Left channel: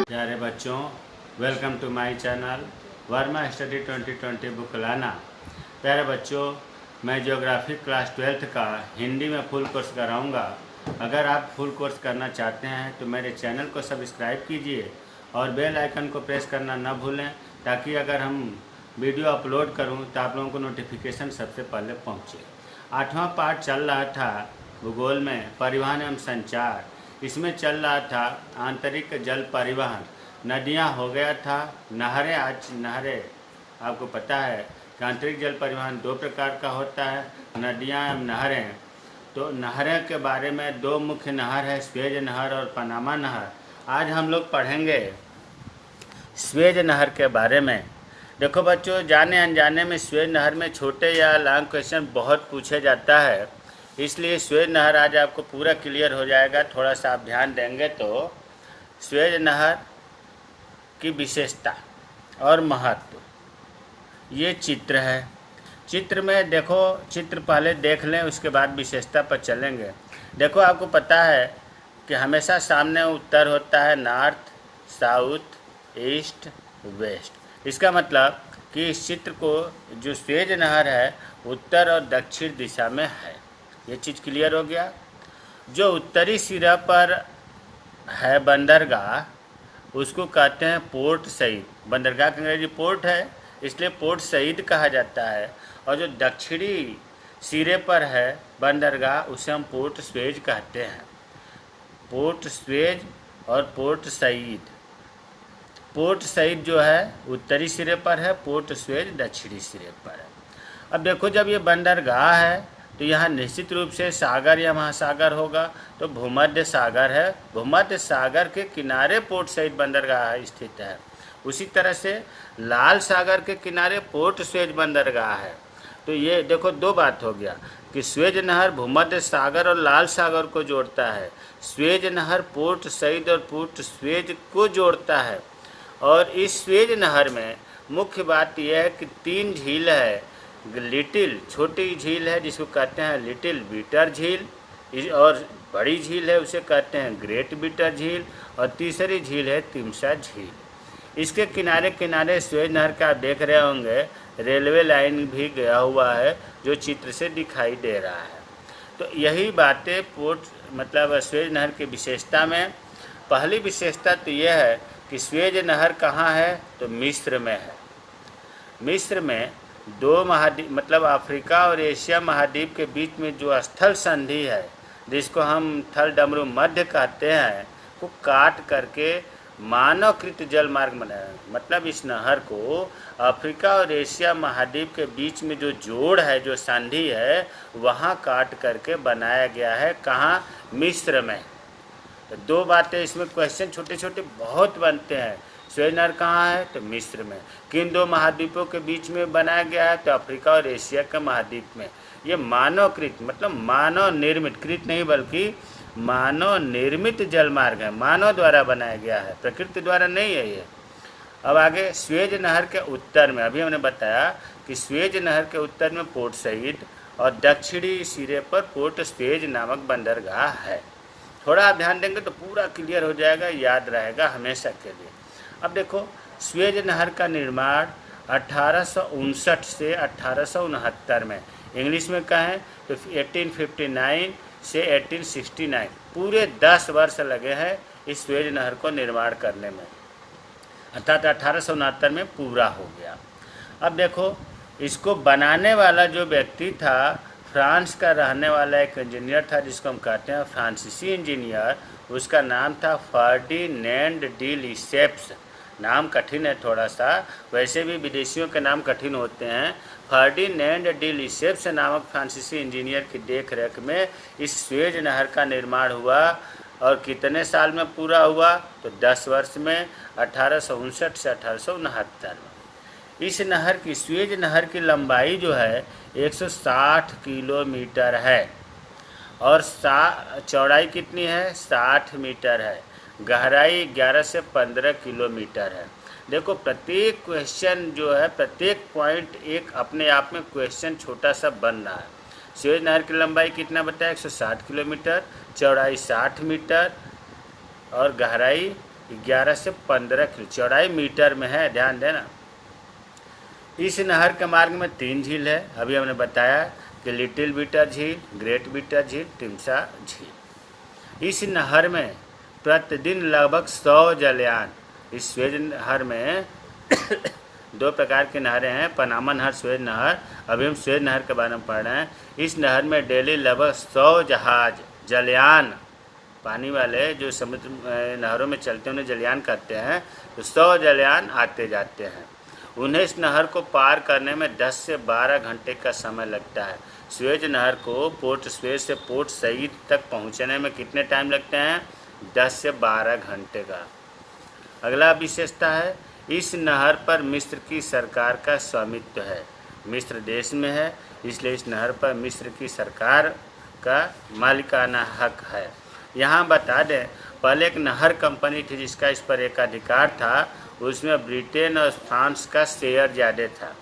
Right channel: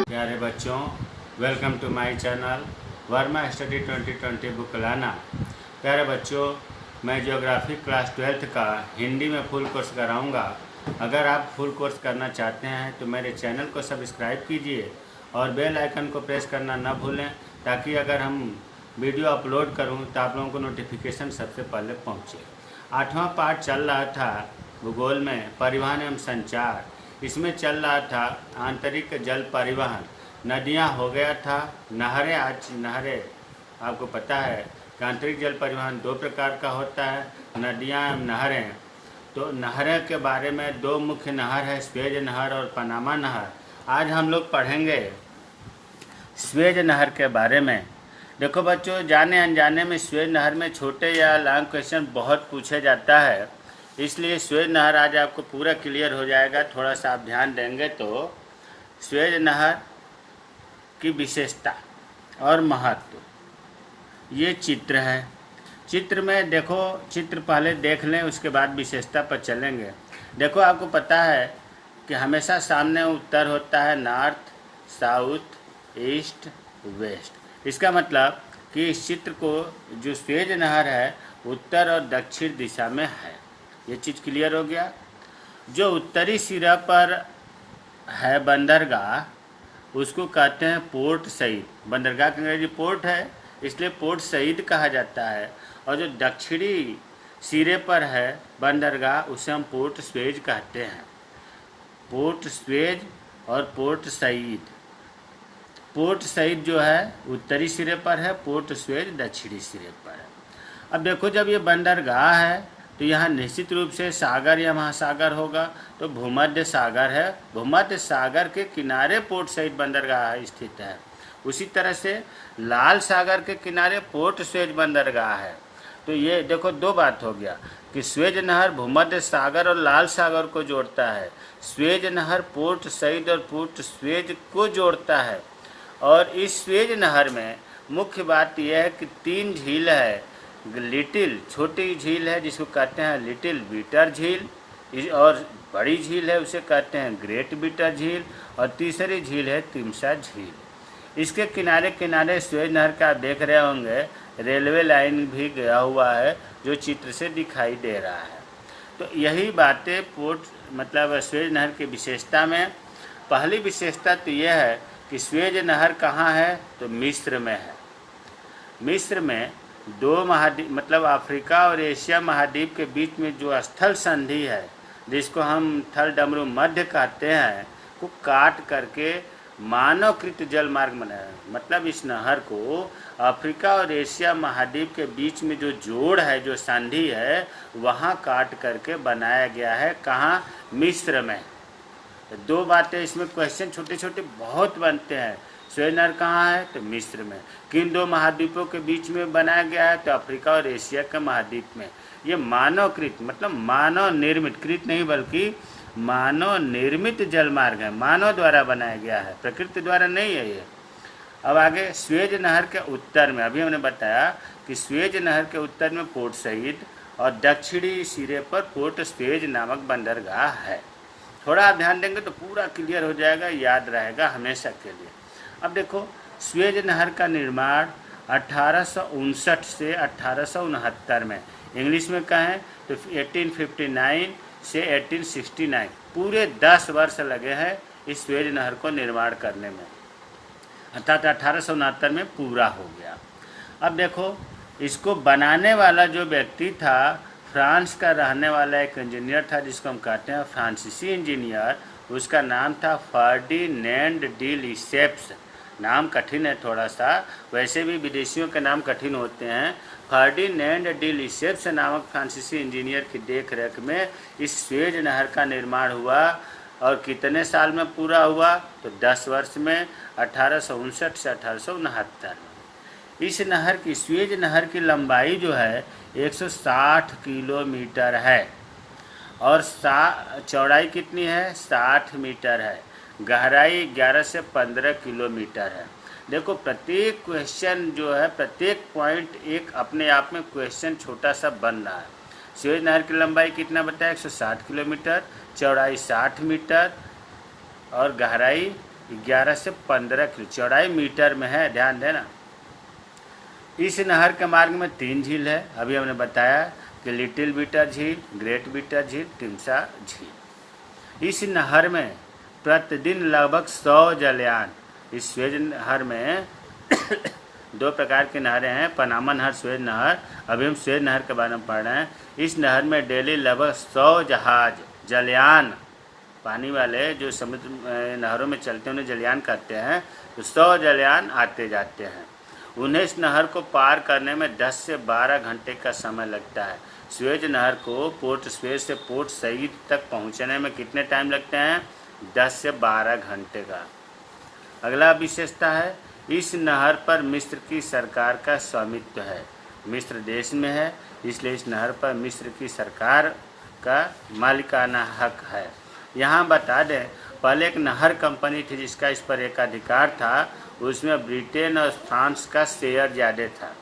प्यारे बच्चों, welcome to my channel Verma study 2020 book लाना। प्यारे बच्चों, मैं ज्योग्राफी क्लास 12th का हिंदी में फुल कोर्स कराऊंगा। अगर आप फुल कोर्स करना चाहते हैं तो मेरे चैनल को सब्सक्राइब कीजिए और बेल आइकन को प्रेस करना न भूलें, ताकि अगर हम वीडियो अपलोड करूं तो आप लोगों को नोटिफिकेशन सबसे पहले पहुंचे। 8वां पार्ट चल रहा था भूगोल में परिवहन एवं संचार। इसमें चल रहा था आंतरिक जल परिवहन। नदियां हो गया था, नहरें। आज नहरें आपको पता है कि आंतरिक जल परिवहन दो प्रकार का होता है, नदियां एवं नहरें। तो नहरें के बारे में दो मुख्य नहर है, स्वेज नहर और पनामा नहर। आज हम लोग पढ़ेंगे स्वेज नहर के बारे में। देखो बच्चों, जाने अनजाने में स्वेज नहर में छोटे या लॉन्ग क्वेश्चन बहुत पूछे जाता है, इसलिए स्वेज नहर आज आपको पूरा क्लियर हो जाएगा। थोड़ा सा आप ध्यान देंगे तो स्वेज नहर की विशेषता और महत्व। ये चित्र है, चित्र में देखो, चित्र पहले देख लें, उसके बाद विशेषता पर चलेंगे। देखो, आपको पता है कि हमेशा सामने उत्तर होता है, नॉर्थ, साउथ, ईस्ट, वेस्ट। इसका मतलब कि इस चित्र को जो स्वेज नहर है उत्तर और दक्षिण दिशा में है। ये चीज़ क्लियर हो गया। जो उत्तरी सिरा पर है बंदरगाह, उसको कहते हैं पोर्ट सईद। बंदरगाह की अंग्रेजी पोर्ट है, इसलिए पोर्ट सईद कहा जाता है। और जो दक्षिणी सिरे पर है बंदरगाह, उसे हम पोर्ट स्वेज कहते हैं। पोर्ट स्वेज और पोर्ट सईद। पोर्ट सईद जो है उत्तरी सिरे पर है, पोर्ट स्वेज दक्षिणी सिरे पर है। अब देखो, जब ये बंदरगाह है तो यहाँ निश्चित रूप से सागर या महासागर होगा, तो भूमध्य सागर है। भूमध्य सागर के किनारे पोर्ट सईद बंदरगाह स्थित है। उसी तरह से लाल सागर के किनारे पोर्ट स्वेज बंदरगाह है। तो ये देखो, दो बात हो गया कि स्वेज नहर भूमध्य सागर और लाल सागर को जोड़ता है। स्वेज नहर पोर्ट सईद और पोर्ट स्वेज को जोड़ता है। और इस स्वेज नहर में मुख्य बात यह है कि 3 झील है। लिटिल छोटी झील है जिसको कहते हैं लिटिल बीटर झील, और बड़ी झील है उसे कहते हैं ग्रेट बीटर झील, और तीसरी झील है तिमसा झील। इसके किनारे किनारे स्वेज नहर का आप देख रहे होंगे रेलवे लाइन भी गया हुआ है, जो चित्र से दिखाई दे रहा है। तो यही बातें मतलब स्वेज नहर की विशेषता में। पहली विशेषता तो यह है कि स्वेज नहर कहाँ है, तो मिस्र में है। मिस्र में दो महाद्वीप मतलब अफ्रीका और एशिया महाद्वीप के बीच में जो स्थल संधि है, जिसको हम थल डमरू मध्य कहते हैं, को काट करके मानवकृत जल मार्ग बनाया। मतलब इस नहर को अफ्रीका और एशिया महाद्वीप के बीच में जो जोड़ है, जो संधि है, वहाँ काट करके बनाया गया है। कहाँ? मिस्र में। तो दो बातें इसमें क्वेश्चन छोटे छोटे बहुत बनते हैं। स्वेज नहर कहाँ है, तो मिस्र में। किन दो महाद्वीपों के बीच में बनाया गया है, तो अफ्रीका और एशिया के महाद्वीप में। ये मानवकृत मतलब मानव निर्मित, कृत नहीं बल्कि मानव निर्मित जल मार्ग है, मानव द्वारा बनाया गया है, प्रकृति द्वारा नहीं है ये। अब आगे स्वेज नहर के उत्तर में, अभी हमने बताया कि स्वेज नहर के उत्तर में पोर्ट सईद और दक्षिणी सिरे पर पोर्ट स्वेज नामक बंदरगाह है। थोड़ा आप ध्यान देंगे तो पूरा क्लियर हो जाएगा, याद रहेगा हमेशा के लिए। अब देखो, स्वेज नहर का निर्माण 1859 से 1869 में, इंग्लिश में कहें तो 1859 से 1869, पूरे 10 वर्ष लगे हैं इस स्वेज नहर को निर्माण करने में, अर्थात 1869 में पूरा हो गया। अब देखो, इसको बनाने वाला जो व्यक्ति था, फ्रांस का रहने वाला एक इंजीनियर था, जिसको हम कहते हैं फ्रांसीसी इंजीनियर। उसका नाम था फर्डिनेंड डी लिसेप्स। नाम कठिन है थोड़ा सा, वैसे भी विदेशियों के नाम कठिन होते हैं। फर्डिनेंड डी लिसेप्स नामक फ्रांसीसी इंजीनियर की देखरेख में इस स्वेज नहर का निर्माण हुआ। और कितने साल में पूरा हुआ, तो 10 वर्ष में, 1859 से 1869 में। इस नहर की, स्वेज नहर की लंबाई जो है 160 किलोमीटर है, और चौड़ाई कितनी है, 60 मीटर है। गहराई 11 से 15 किलोमीटर है। देखो, प्रत्येक क्वेश्चन जो है, प्रत्येक पॉइंट एक अपने आप में क्वेश्चन छोटा सा बन रहा है। स्वेज नहर की लंबाई कितना बताया, 160 किलोमीटर, चौड़ाई 60 मीटर और गहराई 11 से 15 किलोमीटर, चौड़ाई मीटर में है, ध्यान देना। इस नहर के मार्ग में 3 झील है, अभी हमने बताया कि लिटिल बीटर झील, ग्रेट बीटर झील, तिमसा झील। इस नहर में प्रतिदिन लगभग 100 जलयान, इस स्वेज नहर में 2 प्रकार की नहरें हैं, पनामा नहर, स्वेज नहर। अभी हम स्वेज नहर के बारे में पढ़ रहे हैं। इस नहर में डेली लगभग 100 जहाज, जलयान, पानी वाले जो समुद्र नहरों में चलते हैं उन्हें जलयान कहते हैं, तो 100 जलयान आते जाते हैं। उन्हें इस नहर को पार करने में 10 से 12 घंटे का समय लगता है। स्वेज नहर को पोर्ट स्वेज से पोर्ट सईद तक पहुंचने में कितने टाइम लगते हैं, 10 से 12 घंटे का। अगला विशेषता है, इस नहर पर मिस्र की सरकार का स्वामित्व है, मिस्र देश में है, इसलिए इस नहर पर मिस्र की सरकार का मालिकाना हक है। यहाँ बता दें, पहले एक नहर कंपनी थी जिसका इस पर एक अधिकार था, उसमें ब्रिटेन और फ्रांस का शेयर ज़्यादा था।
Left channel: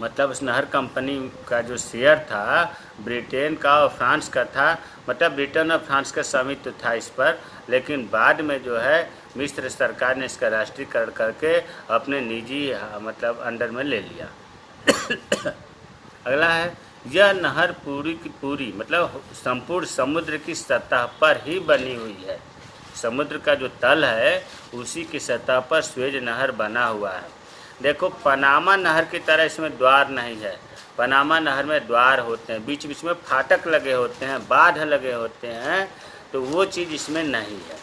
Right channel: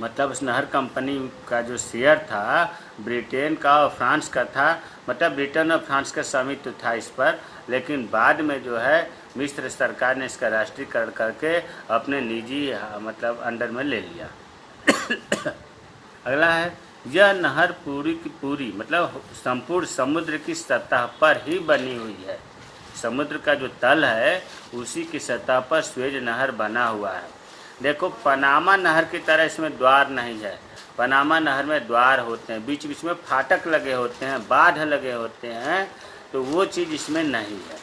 मतलब उस नहर कंपनी का जो शेयर था ब्रिटेन का और फ्रांस का था, मतलब ब्रिटेन और फ्रांस का स्वामित्व था इस पर, लेकिन बाद में जो है मिस्र सरकार ने इसका राष्ट्रीयकरण करके अपने निजी मतलब अंडर में ले लिया। अगला है, यह नहर पूरी की पूरी मतलब संपूर्ण समुद्र की सतह पर ही बनी हुई है। समुद्र का जो तल है उसी की सतह पर स्वेज नहर बना हुआ है। देखो, पनामा नहर की तरह इसमें द्वार नहीं है। पनामा नहर में द्वार होते हैं, बीच बीच में फाटक लगे होते हैं, बांध लगे होते हैं, तो वो चीज़ इसमें नहीं है।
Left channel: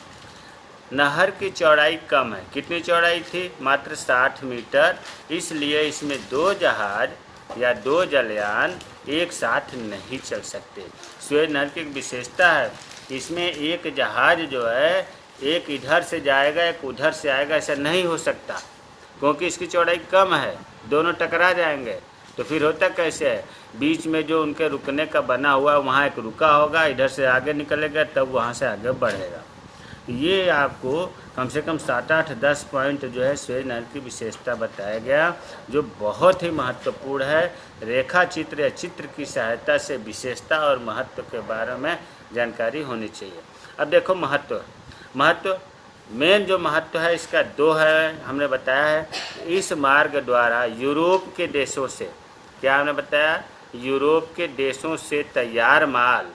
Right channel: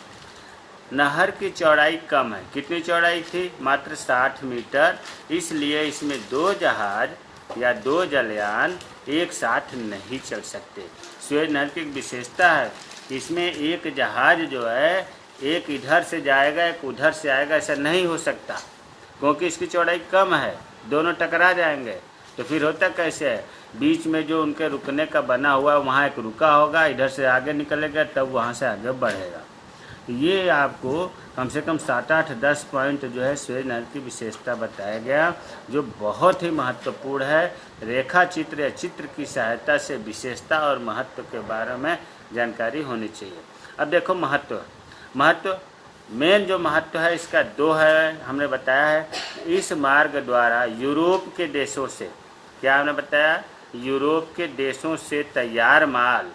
नहर की चौड़ाई कम है, कितनी चौड़ाई थी, मात्र 60 मीटर, इसलिए इसमें 2 जहाज या 2 जलयान एक साथ नहीं चल सकते। स्वेज नहर की एक विशेषता है कि इसमें एक जहाज जो है एक इधर से जाएगा एक उधर से आएगा, ऐसा नहीं हो सकता, क्योंकि इसकी चौड़ाई कम है, दोनों टकरा जाएंगे। तो फिर होता कैसे है, बीच में जो उनके रुकने का बना हुआ है वहाँ एक रुका होगा, इधर से आगे निकलेगा तब वहाँ से आगे बढ़ेगा। ये आपको कम से कम 7-8-10 पॉइंट जो है स्वेज नहर की विशेषता बताया गया, जो बहुत ही महत्वपूर्ण है। रेखा चित्र या चित्र की सहायता से विशेषता और महत्व के बारे में जानकारी होनी चाहिए। अब देखो, महत्व मेन जो महत्व है इसका 2 है, हमने बताया है। इस मार्ग द्वारा यूरोप के देशों से, क्या हमने बताया, यूरोप के देशों से तैयार माल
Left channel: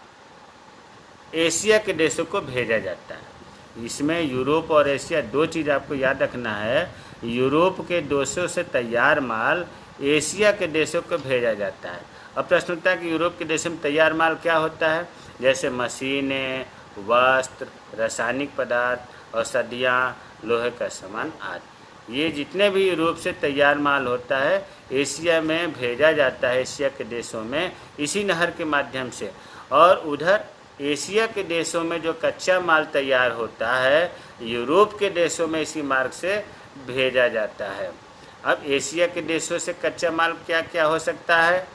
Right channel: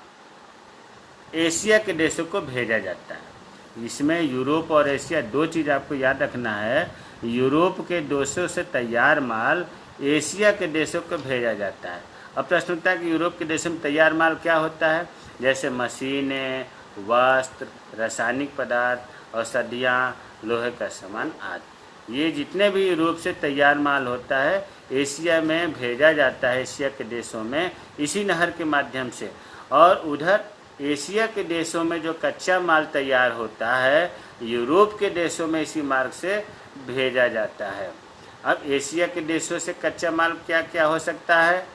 एशिया के देशों को भेजा जाता है। इसमें यूरोप और एशिया 2 चीज़ आपको याद रखना है। यूरोप के देशों से तैयार माल एशिया के देशों को भेजा जाता है। अब प्रश्न उठता है कि यूरोप के देशों में तैयार माल क्या होता है, जैसे मशीनें, वस्त्र, रासायनिक पदार्थ, औषधियाँ, लोहे का सामान आदि। ये जितने भी यूरोप से तैयार माल होता है एशिया में भेजा जाता है, एशिया के देशों में इसी नहर के माध्यम से। और उधर एशिया के देशों में जो कच्चा माल तैयार होता है यूरोप के देशों में इसी मार्ग से भेजा जाता है। अब एशिया के देशों से कच्चा माल क्या क्या हो सकता है,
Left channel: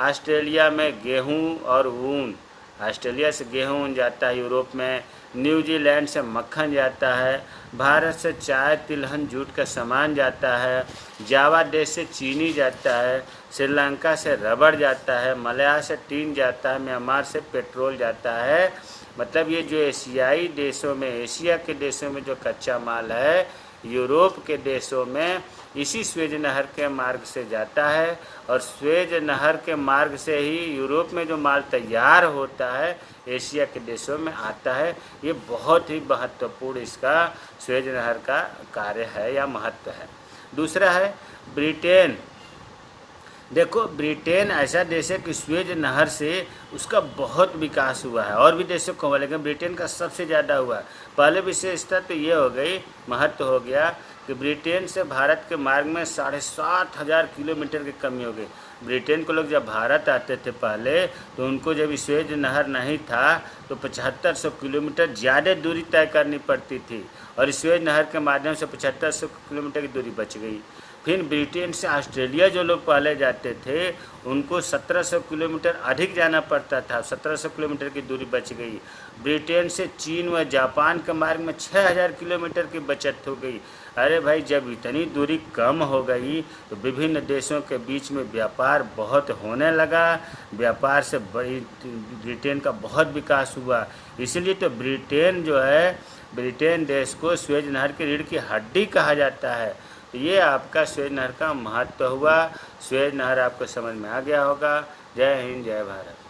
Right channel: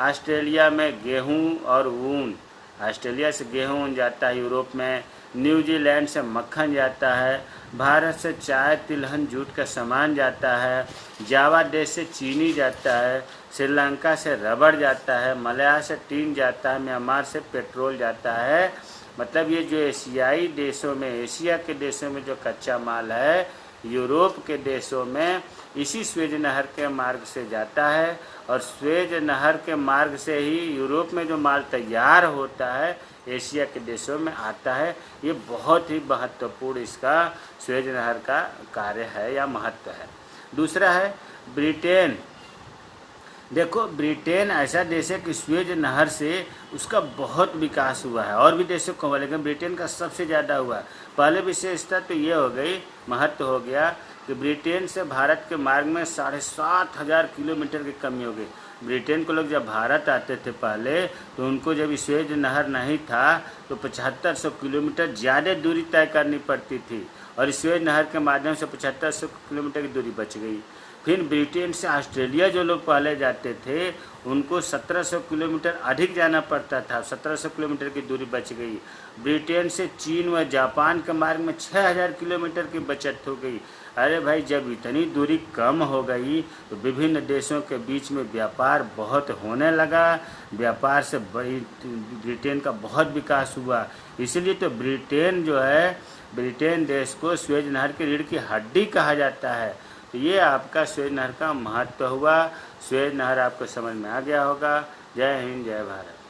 ऑस्ट्रेलिया में गेहूं और ऊन, ऑस्ट्रेलिया से गेहूं ऊन जाता है यूरोप में, न्यूजीलैंड से मक्खन जाता है, भारत से चाय, तिलहन, जूट का सामान जाता है, जावा देश से चीनी जाता है, श्रीलंका से रबड़ जाता है, मलया से टीन जाता है, म्यांमार से पेट्रोल जाता है। मतलब ये जो एशियाई देशों में, एशिया के देशों में जो कच्चा माल है यूरोप के देशों में इसी स्वेज नहर के मार्ग से जाता है, और स्वेज नहर के मार्ग से ही यूरोप में जो माल तैयार होता है एशिया के देशों में आता है। ये बहुत ही महत्वपूर्ण इसका स्वेज नहर का कार्य है या महत्व है। दूसरा है ब्रिटेन। देखो, ब्रिटेन ऐसा देश है कि स्वेज नहर से उसका बहुत विकास हुआ है, और भी देशों को हुआ लेकिन ब्रिटेन का सबसे ज़्यादा हुआ। पहले विशेषता तो ये हो गई, महत्व हो गया कि ब्रिटेन से भारत के मार्ग में 7,500 किलोमीटर की कमी हो गई। ब्रिटेन को लोग जब भारत आते थे पहले, तो उनको जब स्वेज नहर नहीं था तो 7500 किलोमीटर ज़्यादा दूरी तय करनी पड़ती थी, और स्वेज नहर के माध्यम से 7500 किलोमीटर की दूरी बच गई। फिर ब्रिटेन से ऑस्ट्रेलिया जो लोग पहले जाते थे उनको 1700 किलोमीटर अधिक जाना पड़ता था, 1700 किलोमीटर की दूरी बच गई। ब्रिटेन से चीन व जापान के मार्ग में 6000 किलोमीटर की बचत हो गई। अरे भाई, जब इतनी दूरी कम हो गई तो विभिन्न देशों के बीच में व्यापार बहुत होने लगा। व्यापार से बड़ी ब्रिटेन का बहुत विकास हुआ। इसलिए तो ब्रिटेन जो है, ब्रिटेन देश को स्वेज नहर की रीढ़ की हड्डी कहा जाता है। तो ये आपका स्वेज नहर का महत्व हुआ। स्वेज नहर आपको समझ में आ गया होगा। जय हिंद, जय भारत।